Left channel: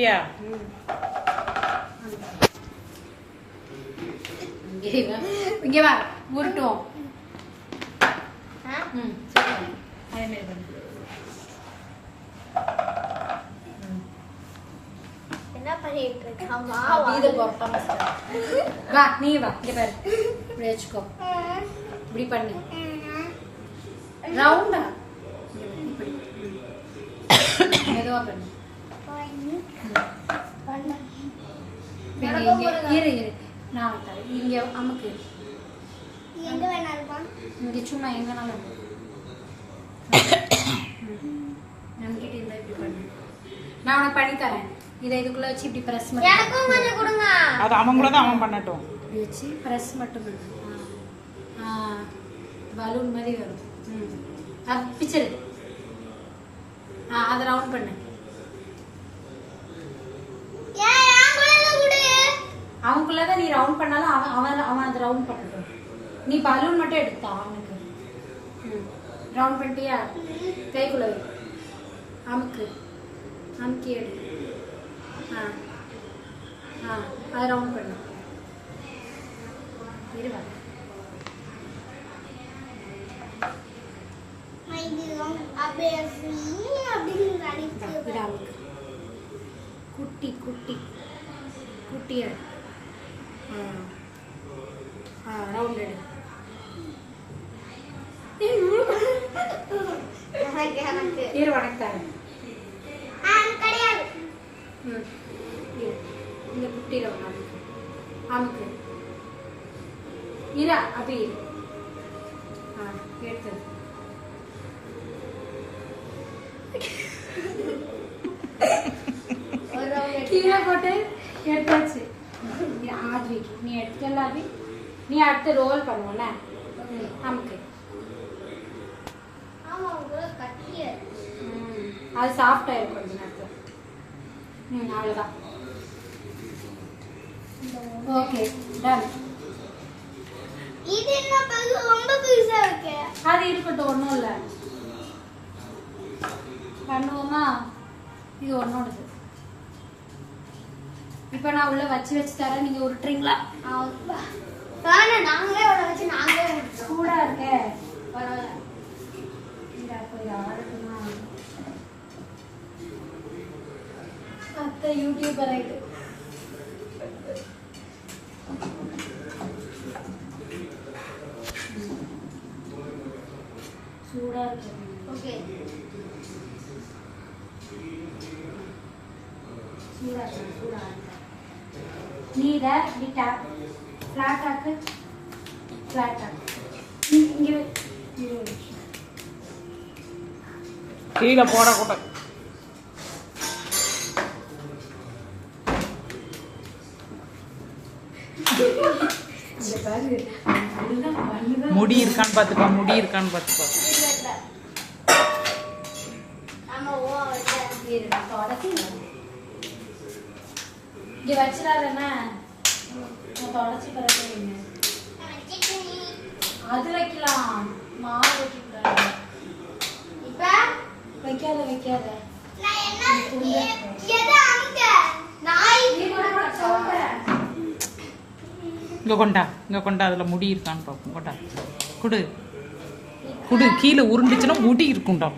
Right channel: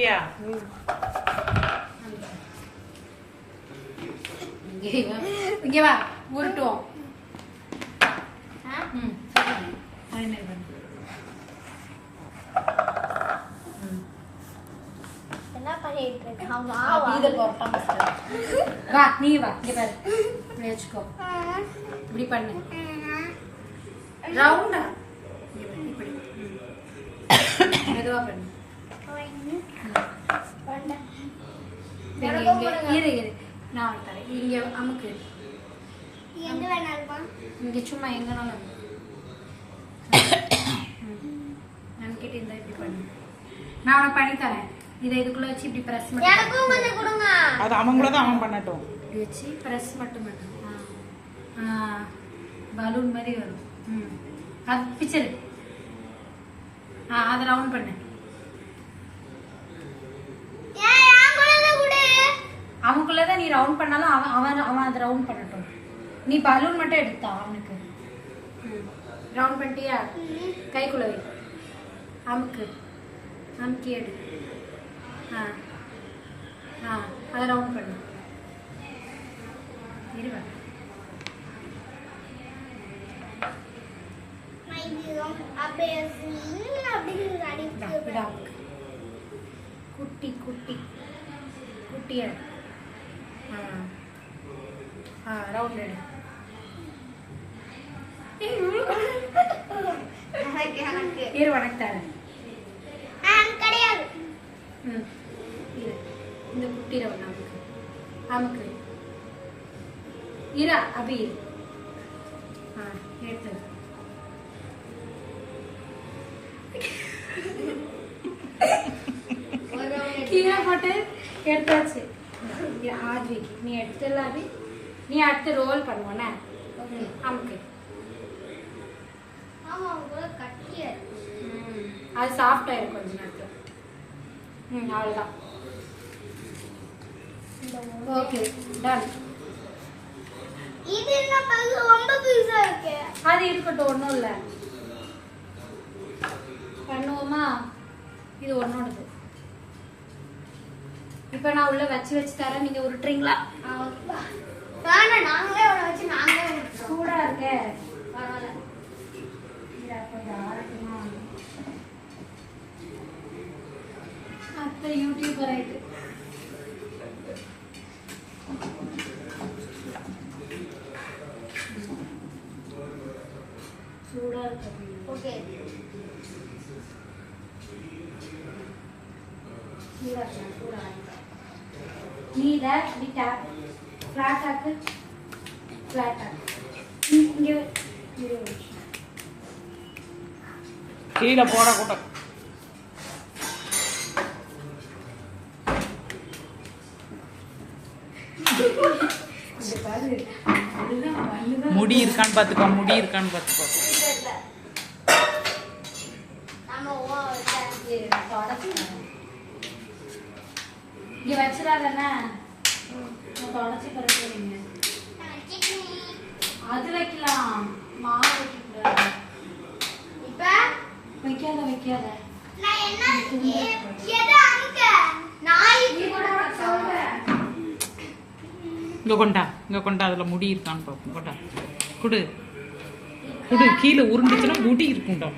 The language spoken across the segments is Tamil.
பண்ணிட்டியா? இங்கே வா உருட்டுவோம். என்ன பண்ணிட்டு இருக்காமா? வா நீ வா இங்க பாரு. இப்படி வச்சுக்கோ. இப்படி பண்ணு. ரவுண்டா இப்படி. மெதுவா பண்ணு. இரு நான் தரேன். இங்க அமுக்கு. எங்க வேணாலுமா? இங்க சும்மா எங்கனாலும் நமக்கிட்ட இந்த இப்படி பண்ணு. நான் உனக்கு பண்ணி தரேன். இதை இதுக்குள்ள வச்சு இப்படி பிரஸ் பண்ணி எனக்கும் பண்ணி கொடுங்க. அது அவங்கள தான் அவன் பண்ணட்டும். இப்படி வச்சு பிரஸ் மட்டும் பண்ணு. பலூன் மாதிரி வரும். அது பிச்சல். அதை ரவுண்ட் பண்ணு. அவனுக்குள்ளதான் நீ ரவுண்ட் பண்ணாலும் அவன் அதை ரவுண்ட் பண்ணட்டும். நீ பலூன் மட்டும் எடுத்தா அவனுக்கு. ரவுண்ட் பண்ணிட்டியா? கைக்குள்ள வை. அமுக்கு. அமுக்கி எடு. அதை ரவுண்ட் பண்ணு. இருவா. குட்டி குட்டி குட்டி எடு. ரவுண்ட் எடு. இரு வணக்கம். இந்த குட்டி ரவுண்ட் அமுக்கு. அமுக்கு. இரா அபி எடுத்து கீழே போட்டு எடுத்தாச்சு. ஆத்விக்கு நீ எடுத்தல அபி. நீ அடுத்து ரோல் பண்ணுவோண்ணே. அமுக்கு. அது சாஃப்டா இருக்கும் கொஞ்ச நேரத்தில். அவ்வளோதான். Okay done. இது என்ன பெருசா ரொம்ப பெருசா இருக்கு. அது இருக்கட்டும், ஒன்றும் இல்லை. பண்ணுவோமா? இது ஒன்னோடது. இப்போ நான் உள்ள வச்சு தரேன். நீங்க உருட்டுறீங்களா? நாங்களே வச்சு நாங்களே சூடா இருக்க. பரவாயில்ல. அத்தை யூடியூபர் ஆயிட்டு. சூடா இருக்கு. ஓகே. சூடா இருக்கு. நீ இதை இப்படி டேப் ஃபிளாட் ஆக்கு. ஃபிளாட் ஆக்கு. இங்கே கீழே போடக்கூடாது. முடி இருக்கான்னு பாத்துக்கோ. முடி இருக்கான்னு பாத்துக்கோ. இங்க வச்சிடாதண்ணா. தொடச்சி பரவாயில்லைங்க. அது வைக்கலாம். மாவு வைக்கக்கூடாது. இப்ப வைக்காத. இங்க கொண்டா அதுல முடி இருக்கான்னு பாப்போம். கொண்டா குடு. கீழே உருண்டுச்சுன்னா முடி இருக்கும்டா.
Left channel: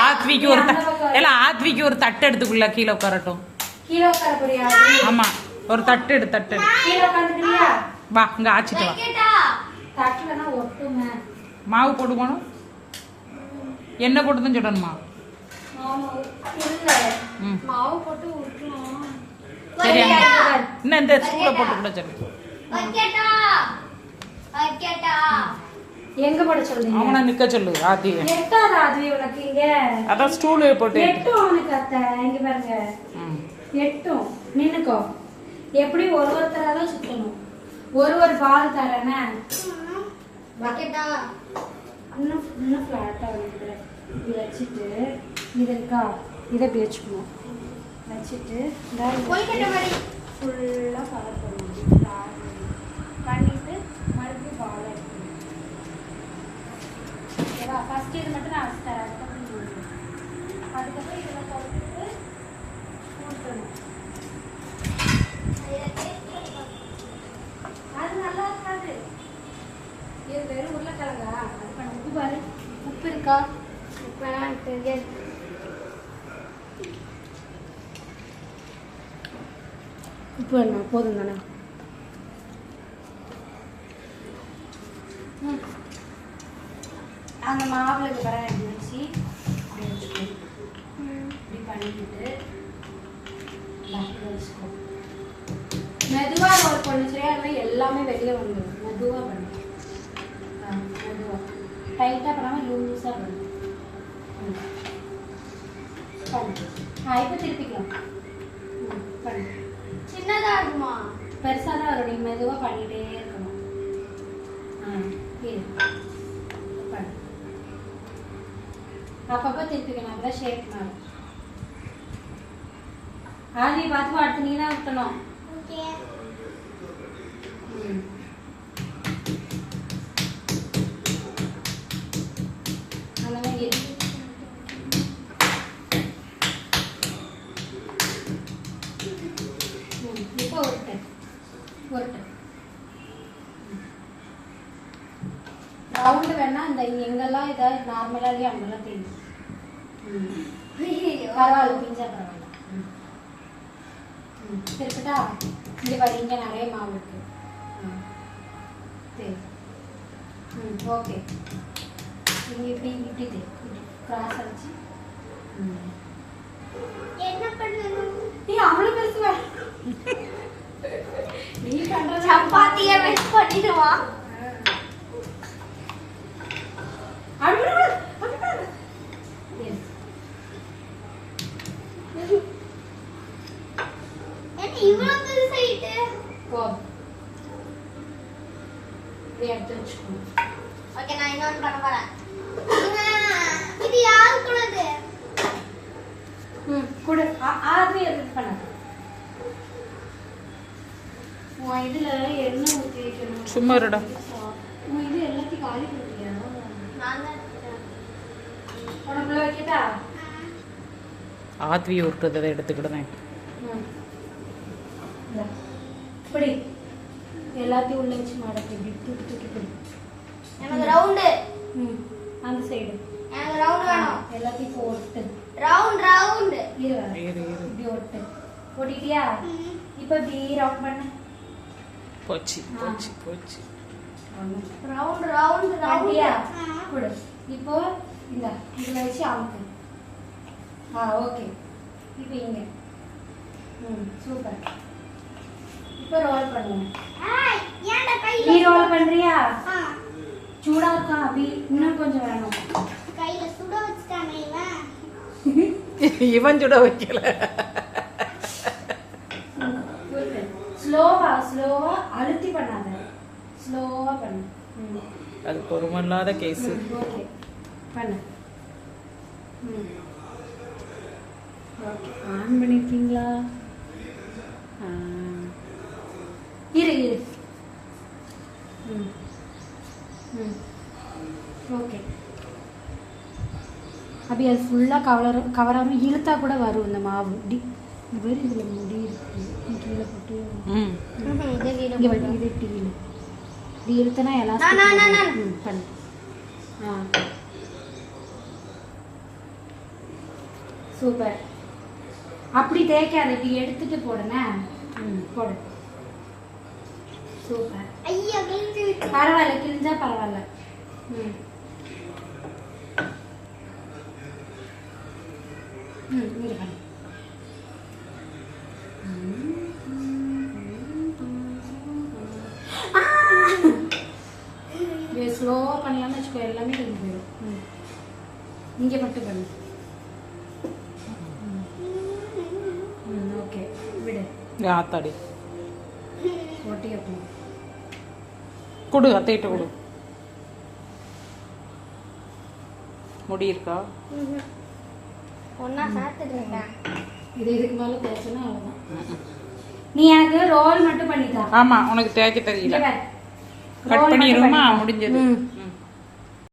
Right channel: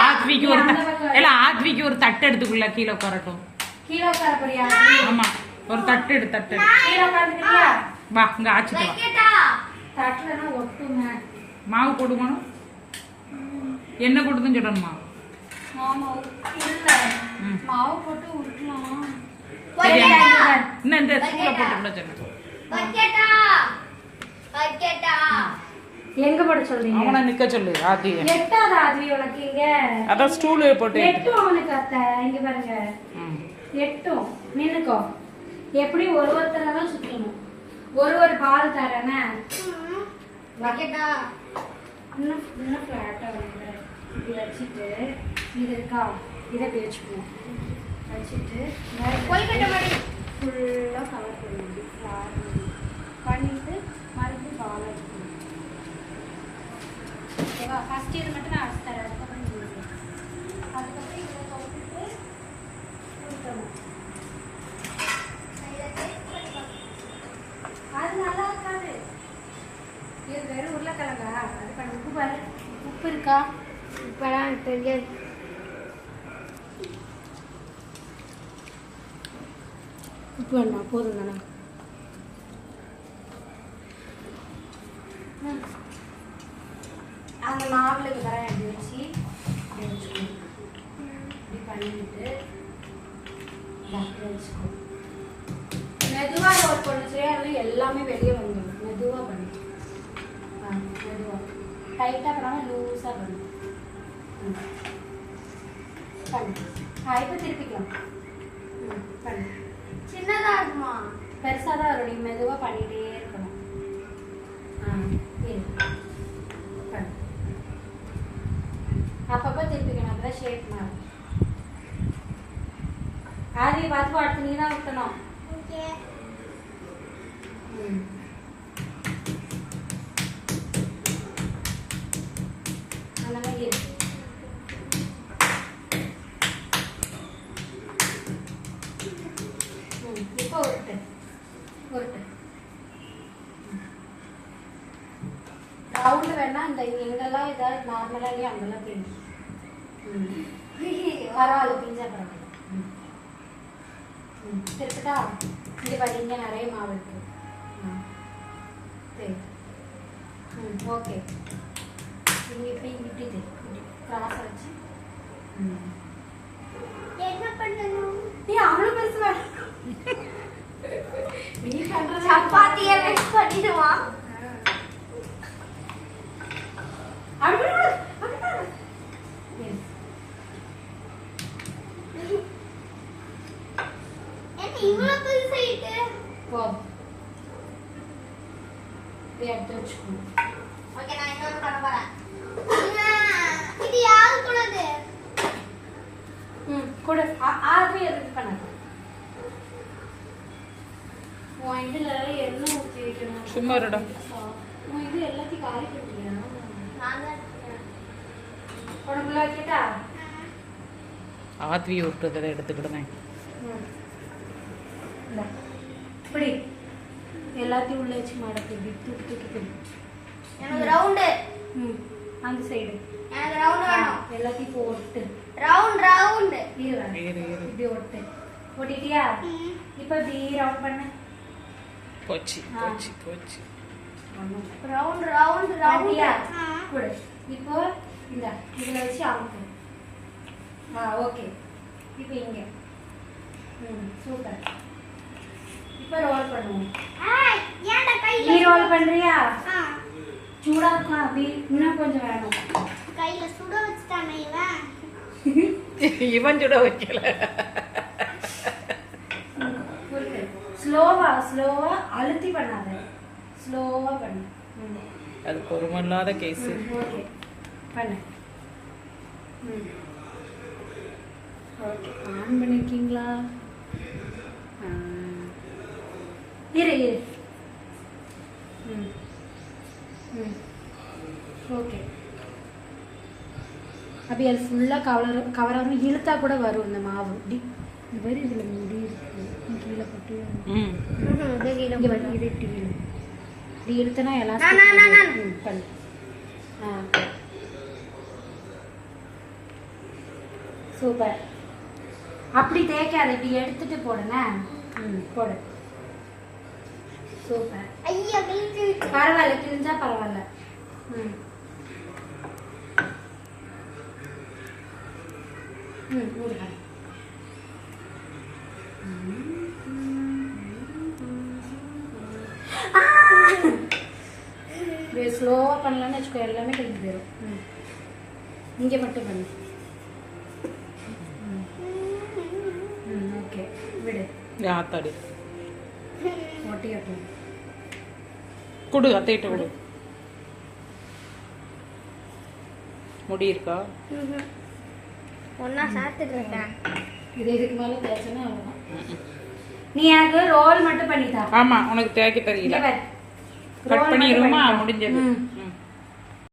ஆத்விக்கு ஒரு தட்டு எடுத்துக்குள்ள கீழே உட்காரட்டும். ஆமா, ஒரு தட்டு எடு. தட்டு வா. இங்க ஆச்சிட்டு வா. மாவு போடுவோம். என்ன போட்டுதான் சொல்லணுமா? இன்னும் இந்த ஸ்கூல்ல போட்டு கூட சொல்லு. எங்க போட சொல்றீங்க? அவனை நிக்க சொல்லு. ஆதி எட்டாத ஆதி உனக்கு இங்க. அதான் ஸ்டூல் போட்டு எட்டு அவனுக்கு அத்தை. இங்க பாருங்க. எட்டும் நின்னுக்கோ. எப்படி ஒருத்தரா தான் சுத்தணும். ஒரு பால் தரேனே. வைக்கட்டா? இன்னும் ஃபிளாட்டா வந்து இப்படி வச்சுட்டு இது இருக்கா, இதை இப்படி வச்சுக்கணும். வச்சுட்டு ஃபுல்லாக கவர் பண்ணணும். பண்ணிட்டு மறுபடியும் பால் ஃபர்ஸ்ட் இது மட்டும் நான் அரைச்சிட்டேன். அதுக்கப்புறம் இது ஊற்றணும். அதுக்கப்புறம் இதில் போட்டுட்டு ஊற்றணும். அது நல்லா இருக்காது. இது வெறும் உருளைக்கிழங்கா? அது பண்ணி உப்பு பாரு. உப்பு இருக்கா? உப்பெல்லாம் இருக்கு. உப்பு வேணா? போதும் தானே? அந்த மாவில் வர எப்படி வச்சு இப்படி வச்சுக்கோ. இப்படி பண்ணிட்டு வச்சுக்கோ. மெதுவாக ரோல் பண்ணு. சரியா? அதில் எல்லாமே வெளியே வந்துடும். மெதுவாக பண்ணு. மெதுவாக டைட்டாக பண்ணாமல் லூஸாக பண்ணு. பண்ணு. இப்போ திருப்பிக்கலாம். பண்ணு. சின்னதா இருக்குமா? பெருசாக தான் வரும். நீ மெதுவாக பண்ணிகிட்டே இருக்கணும். இரு. பண்ணு. அப்பப்போ திருப்பிக்கணும். அப்போ தான் ஷேப் மாறும். ஆதி பார்த்து அடுத்து நீ தான் ஊற்றணும். ஓகே. அந்த மாதிரி இருக்கு. இப்போ உருட்டு. உருட்டு. ரவுண்டு வேணா இந்த எங்கெல்லாம் இதாக நார்மலாக இல்லையா அங்கெல்லாம் தெரியும். பரவாயில்ல. பிஞ்சா பரவாயில்ல. திருப்பிட்டா இங்கே பாரு. இங்கே நிறைய மாவு இருக்கு. சரி. ஓகே. இங்கே இப்படி இப்படி கிராஸ் அடிச்சு. என்ன பண்ணணும்? நீ அவ்வளோ பேசுவ. நீ பண்றது சப்பாத்தியை மிக்ஸ் பண்ணிடுவா. இவ்வளவு பெருசாயிட்டு எடுத்து வச்சுக்கணும். ஓகே, நான் இன்னொன்று பண்ண போறேன். இது யாருக்குள்ளது? கூட ஆர்வி எடுத்து பண்ணாது. உன் இதுல எண்ணெய் ஊற்றி வைக்கணும். சும்மா இருடா. உன் இது எல்லாத்தையும் காலி பண்ணியா? நான் தான் எடுக்கிறேன். உனக்குள்ள வைக்கட்டா? ஆத்வி உருட்டுறதை எடுத்துக்கிடுவேன். இப்படி எல்லாத்தையும் உள்ள வச்சு மாடக்கு. இப்படி தூக்கி தூக்கி. எனக்கு ரவுண்டு. அந்த சைடு எனக்கு ரவுண்ட் வேணும். எல்லாத்தையும் போட்டு ரவுண்ட் ரவுண்ட். இப்படி ஒட்டு. ஒட்டிட்டியா? இப்போ இப்படி ரவுண்ட் பண்ண. போச்சு போச்சு போச்சு. ரவுண்ட் ரவுண்ட் பண்ணியா? ரவுண்ட். கொடு. இப்போ இந்த இதில் வச்சு அமுக்கு. ஓகே. இப்போ இங்கே. சூப்பர். இப்போ ரோல் பண்ணுவோம். ஏன்டா கையில? நீ ரோல் பண்றியா? சூடா இருக்கா? அப்படி இன்னும் கொஞ்சம் வேணும். கையில சுட வச்சுட்டானே இவன். இவன் சுட வைக்கல. ஸ்லோவா ஸ்லோவா அழுத்தி பண்ணாத. ஸ்லோவா பண்ணு. அது பொறுமை இல்லாத கேஸ். ஓகே பண்ணு. ஓகே. ஆன் பண்ணிருக்கீங்களா? இரு இரு. ஓகே. அப்படி அது ஃபுல்லாக கவராமல் இழுத்தா கூட வரும் இந்த மாவு. இப்படி இந்த மாதிரி இதில் முடி இருக்கு. கீழே போட்டு இங்கே வந்து இது இப்படி இழு. இப்படி இழுத்தனா எல்லாம் பண்ணு. சூப்பர். அப்படி தேய்க்காத. இப்படி எடுத்துட்டு போடுனே. போடு. சூப்பர். ஐயா கிழிச்சு விட்டு. பரவாயில்ல. கிழிஞ்சா பரவாயில்ல. ஸ்லோவா பண்ணலாம்னு வச்சுக்கோ. எல்லாமே கிழிஞ்சு போயிடும். இங்கே மட்டும் பண்ணு. ஓகே விடு. ஆத்தாடி ஒட்டி கட்டணும். கொடு. அத்தைகிட்ட கொடு. முடி இருக்கா? ஒன்னா சாத்துட்டேன். இது இதுக்கு மேலே தேய்ச்சனா அவ்வளோதான். நீ எனக்கு ரோல் மட்டும் பண்ணித்தா. ஆமா, உனக்கு தேய்க்க தெரியல. கட் பண்ணிடுவோமா? முடிஞ்சது.